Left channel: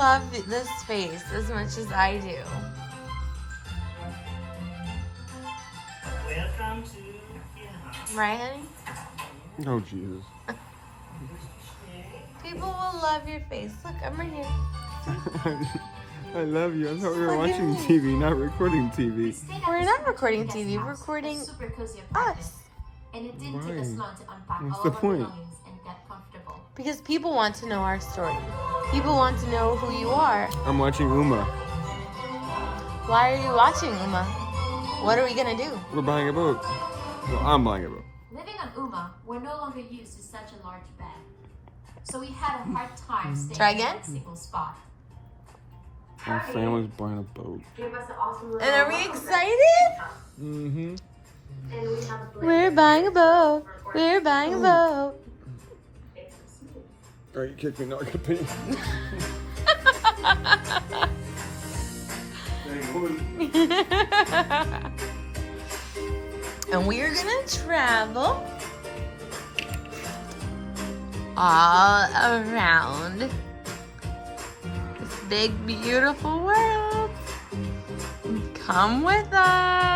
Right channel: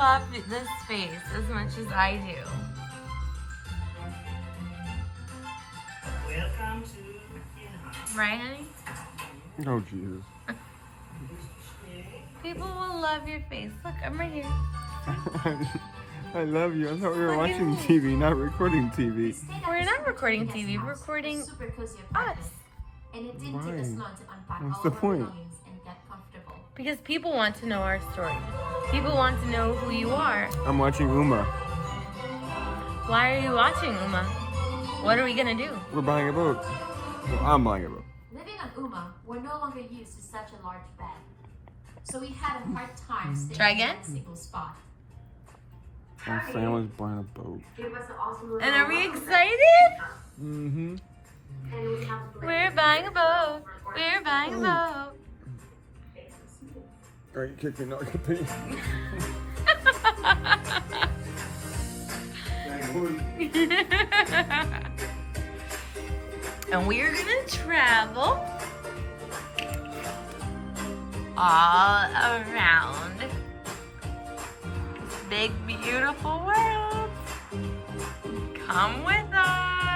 love this face as much as I do. Welcome to in-house. Right, honey? Oh, Jesus. People will love your face. Look, I'm right here. I love you. I thought we were watching TV, not recording TV. We're not recording TV, we're recording super cozy apartment, us. and it didn't take us Why? long to unpack What's all the of our point? belongings and get comfortable. Because people want to know our story. People want to know who you are. I'm watching Uma. Why are you watching, Uma? What are we gonna do? We're buying a boat. Well, I'm buying a boat. Living on Uma, we're no longer used to such a large bed, so we had a hard time staying Try in again? a single spot. My family's buying a boat. And are we excited? Mm-hmm. We're buying a boat. We're buying a boat. All right, you kicked me. Now I can pay. And we're gonna travel all around this big, beautiful world. Come with us.